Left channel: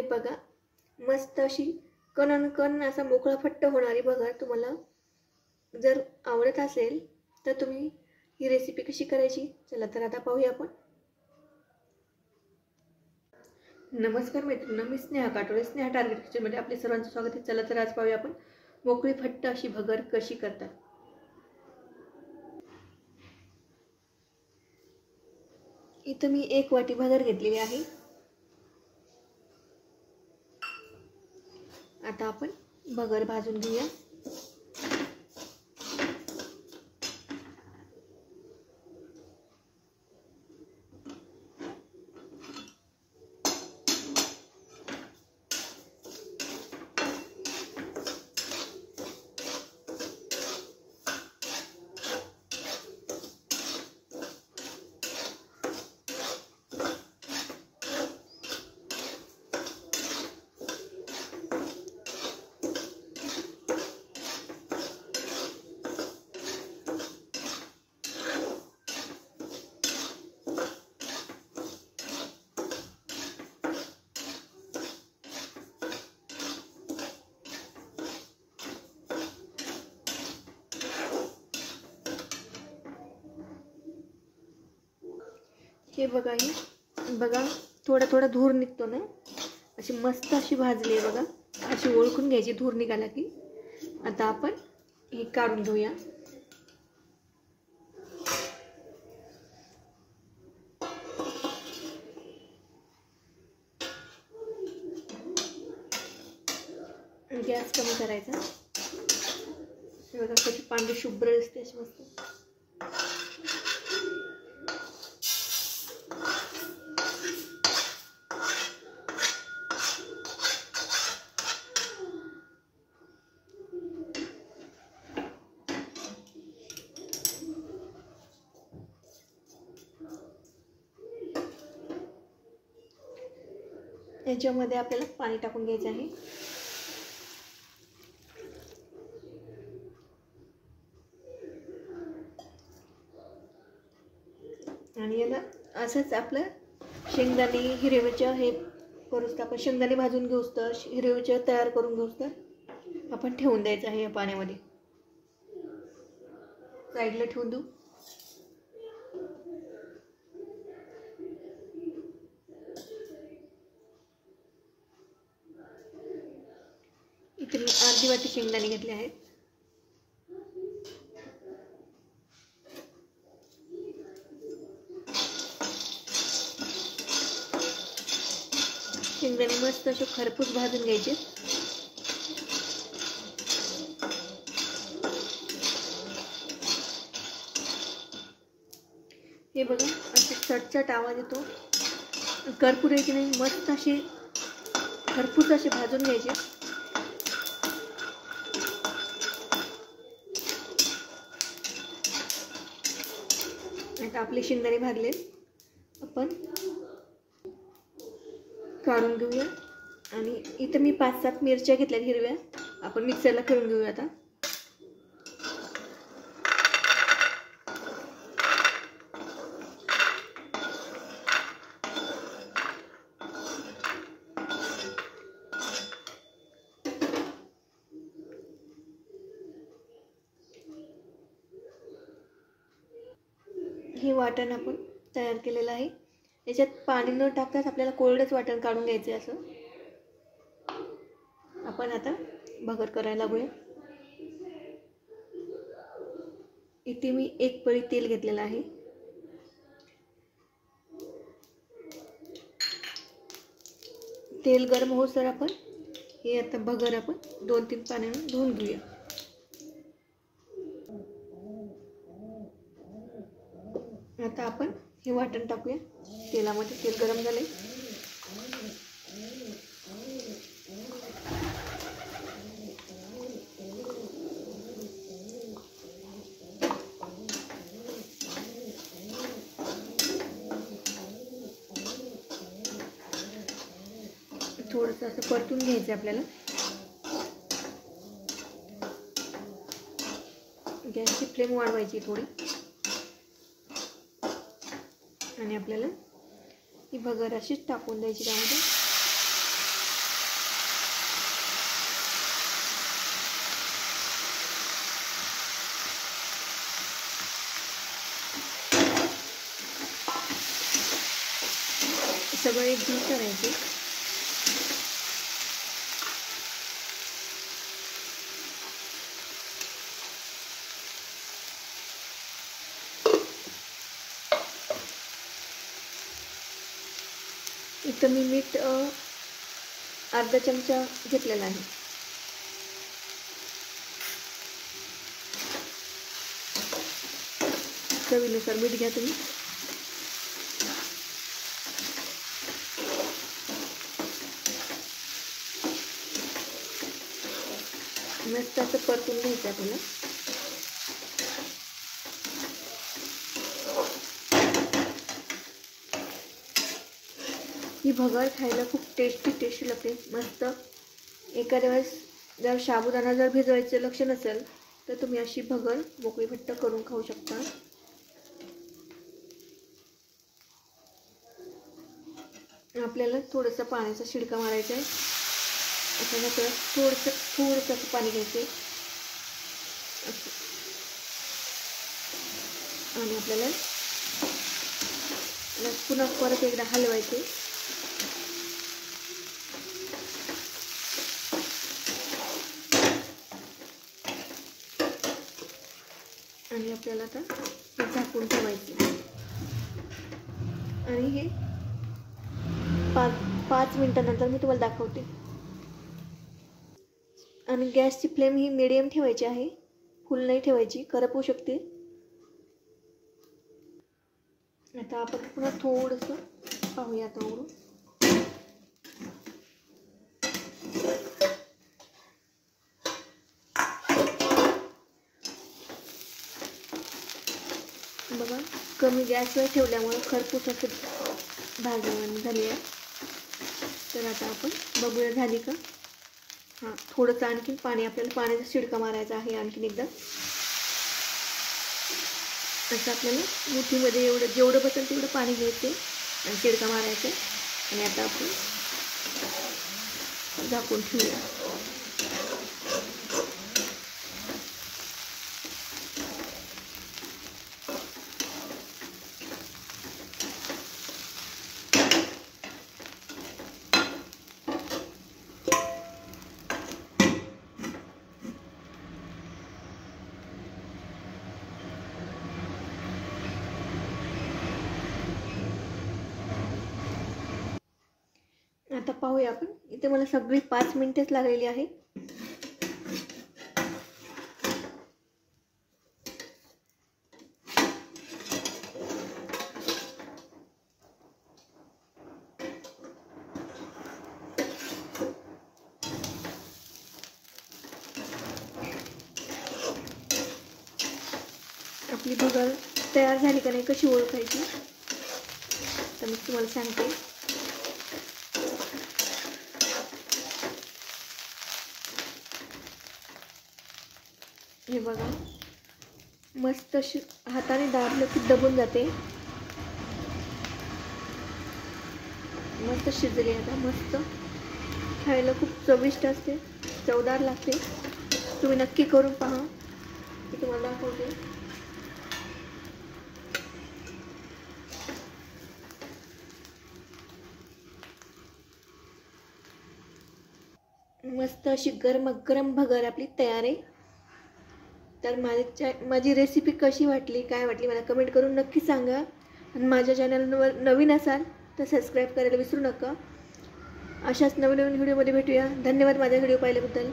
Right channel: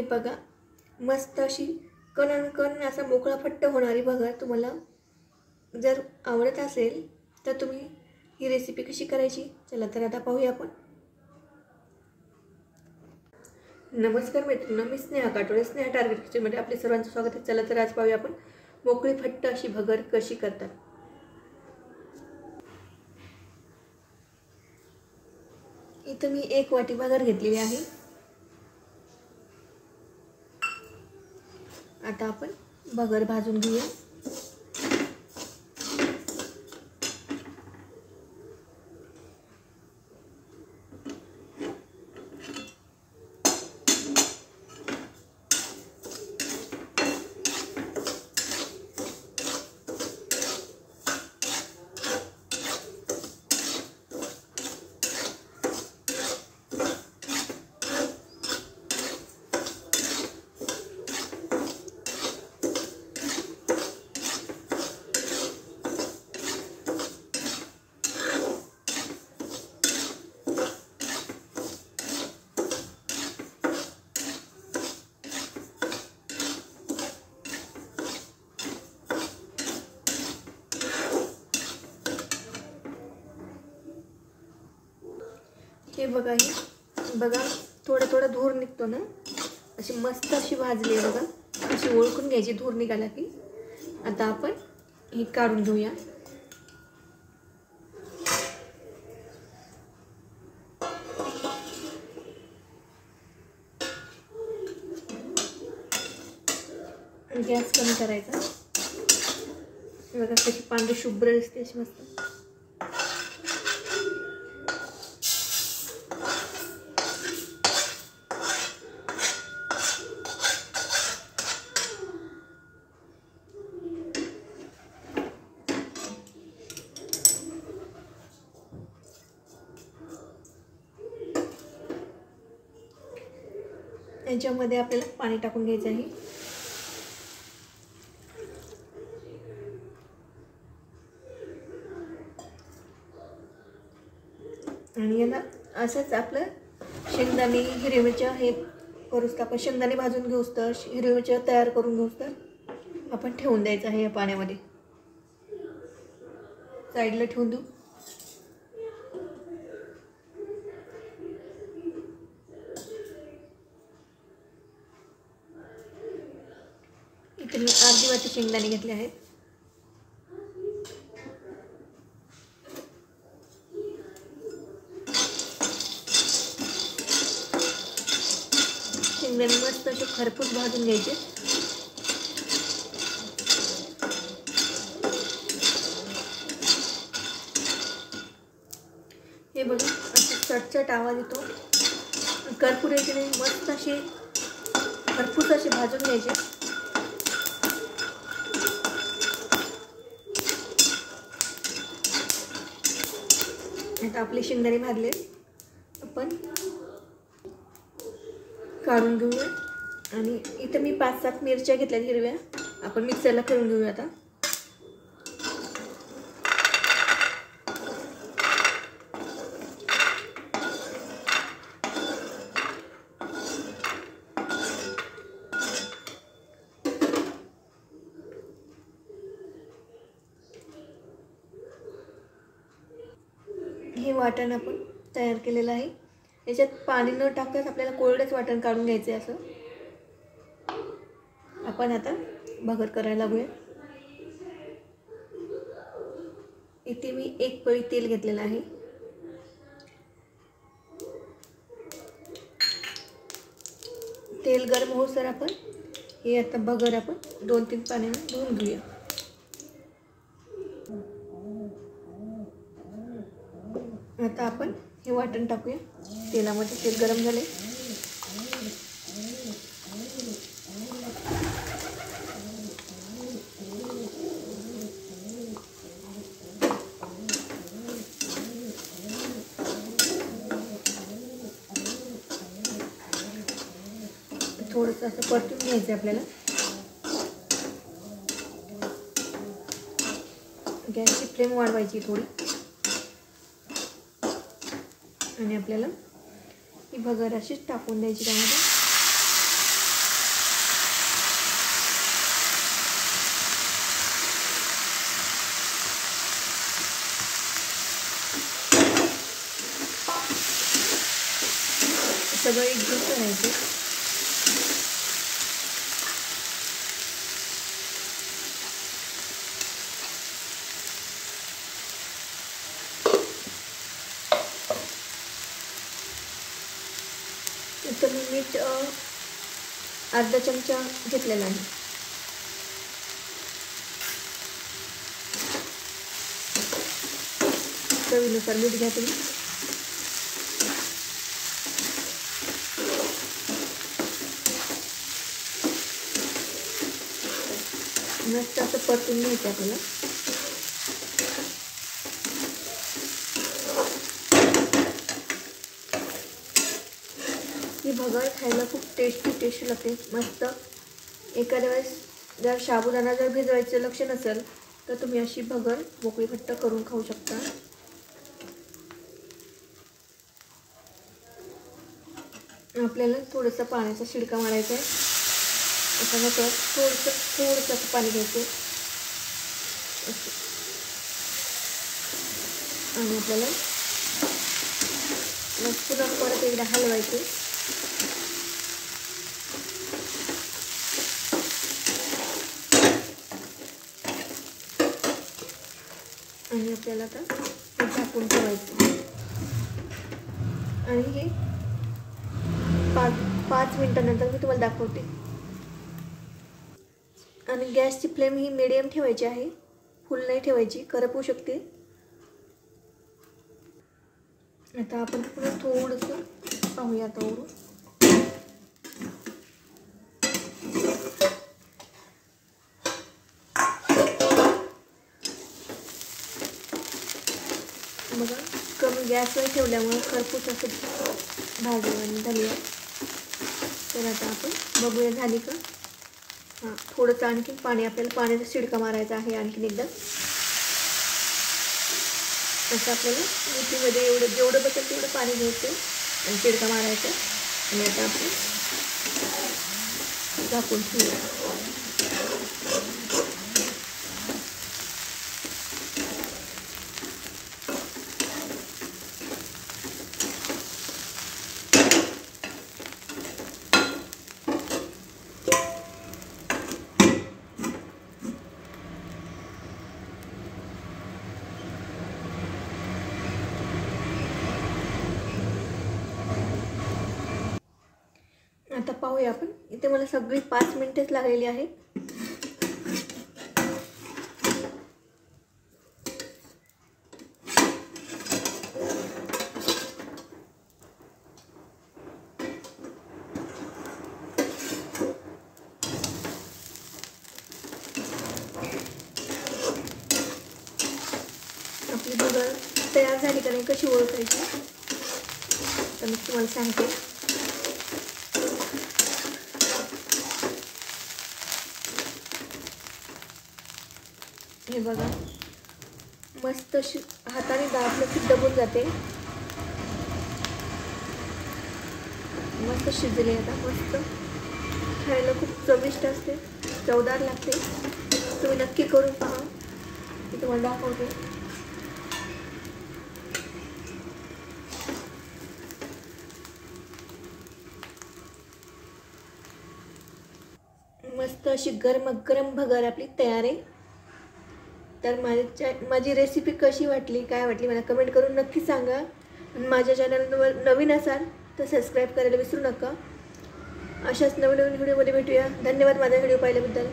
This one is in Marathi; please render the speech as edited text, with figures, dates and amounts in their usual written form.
हे बघा, मस्त अशी कण असा मोकळा फट्ट होणारी भगर तुम्हाला जर आवडत असेल तर तुम्ही ही रेसिपी कशी करायची चला तर आता पाहूया आपण। नमस्कार मैत्रिणी, मी स्नेहा काटोळे, स्नेहा टार्गेट किचनमध्ये आपले सर्वांचं स्वागत आहे। चला तर आज पाहूया आपण मोकळी फट्ट अशी भगर कशी करतात। इथं मी 1 वाटी भगर घेतलेली आहे। आता आपण भगर भाजून घेऊया। हे बघा, ही बघा थोडा धूर निघतो ना, अशी मस्त अशी भाजली आहे बघा। अशी ओळखून घ्यायची धूर निघाला की। आता आपण हे काढून घेऊया। गॅस कमी करायचा। बघा कशी पांढरी शुभ्र असते अशी मस्त। याच्यामध्ये आपल्याला पाणी टाकून घ्यायचं आहे। आणि याला असंच आपलं शेंगदाणे हिरव्या मिरच्या हे करूच, आपण शेंगदाणे भाजून घेऊस तर हिरव्या मिरच्या तयार करून घेऊस तर आपण ठेवून द्यायचं आहे या पाण्यामध्ये, साईडला ठेवून देऊ। इथे मी अर्धी वाटी शेंगदाणे घेतले आहेत। शेंगदाणे मस्त असे खरपूस भाजून घ्यायचे। हे बघा असे चटचट आवाज येतो, करपुऱ्याचे नाही, मस्त असे खरपूस असे भाजून घ्यायचे। आता आपले शेंगदाणे भाजले, आपण काढून घेऊया। आणि इथं मी 5-7 मिरच्या घेतल्या हिरव्या, आपण मिक्सरला फिरवून घेऊया। आता हे वाटण आपण तयार केलेलं आहे। याच्यात पाणी न टाकताच आपल्याला कोरडेच वाटण काढून घ्यायचे असं। आपण आता भगर करायला लागूया। इथे मी 1 पळी तेल घेतलेलं आहे। तेल गरम होईस्तोवर आपण हे आता भगर आपण 2-3 पाण्याने धुवून घेऊया। आता आपण हे वाटण टाकूया तेलामध्ये। तेल गरम झाले, थोडंसं असं परतून घ्यायचं आपल्याला। गॅसची फ्लेम वाढवायची थोडी आणि आपल्याला ही भगर अशीच टाकून द्यायची त्यामध्ये। सगळं एकदम करायचं. इथं मी मीठ अर्धा चमचा घेतलेला आहे. चवीनुसार मीठ घ्या तुम्ही. मस्त असं परतून घ्यायचं आपल्याला. ही भगर खायला खूप टेस्टी लागते. मस्त. एखाद्या वेळेस जर साबुदाणा जर भिजवायचं लक्ष नसेल तर तुम्ही अशी भगर मोकळी घट्ट करून खाऊ शकता. आपल्याला थोडंसं पाण्याचा शिडका मारायचा आहे. त्याच्यानंतर थोडंसं पाणी घ्यायचं आणि आपल्याला पुन्हा परत एकदा हलवायचे. आणि आपल्याला आता हे झाकून ठेवायचं आणि हे 5 मिनिटानंतर मी तुम्हाला दाखवते. आणि गॅसची फ्लेम ही मिडियम ठेवायची आहे, फुल नाही ठेवायची, करपू शकते. आता आपण पुन्हा थोडंसं पाहूया आता ओढून. बघा कमी गॅसवर ठेवल्यामुळे खरपूस असं भाजून झाली आहे. तर आता आपण बघूया झाली का. हां, थोडंसं आणखीन पाणी, आपल्याला पाण्याचा शिडका मारायचा आहे आणखीन एकदा. असं आपल्याला मिठीमध्ये जेवढं बसेल तेवढं पाणी घ्यायचं आणि शिडका मारायचं. आणि आता आपण झाकून ठेवूया. आता पाहूया आपण. इथे मला सगळी 5 मिनिटेच लागलेली आहे. आपली भगर तयार झाली का नाही कशी ओळखायची तर मी तुम्हाला सांगते. हे बघा मस्त अशी हाताने दाबलं की दबून जाते. मस्त शिजले. आता मस्त खायला खूप चविष्ट असते, चवदार लागते. तुम्ही नक्की करून पहा. मी तुम्हाला दाखवते. मस्त अशी गरम भगर आपली तयार आहे. तर माझी रेसिपी कशी वाटली, काय वाटली मला कमेंट करून नक्की सांगा. माझ्या चॅनलवर नवीन असाल तर सबस्क्राईब करायला विसरू नका. अशाच नवीन व्हिडिओमध्ये भेटूया. धन्यवाद माझा व्हिडिओ पाहिल्याबद्दल.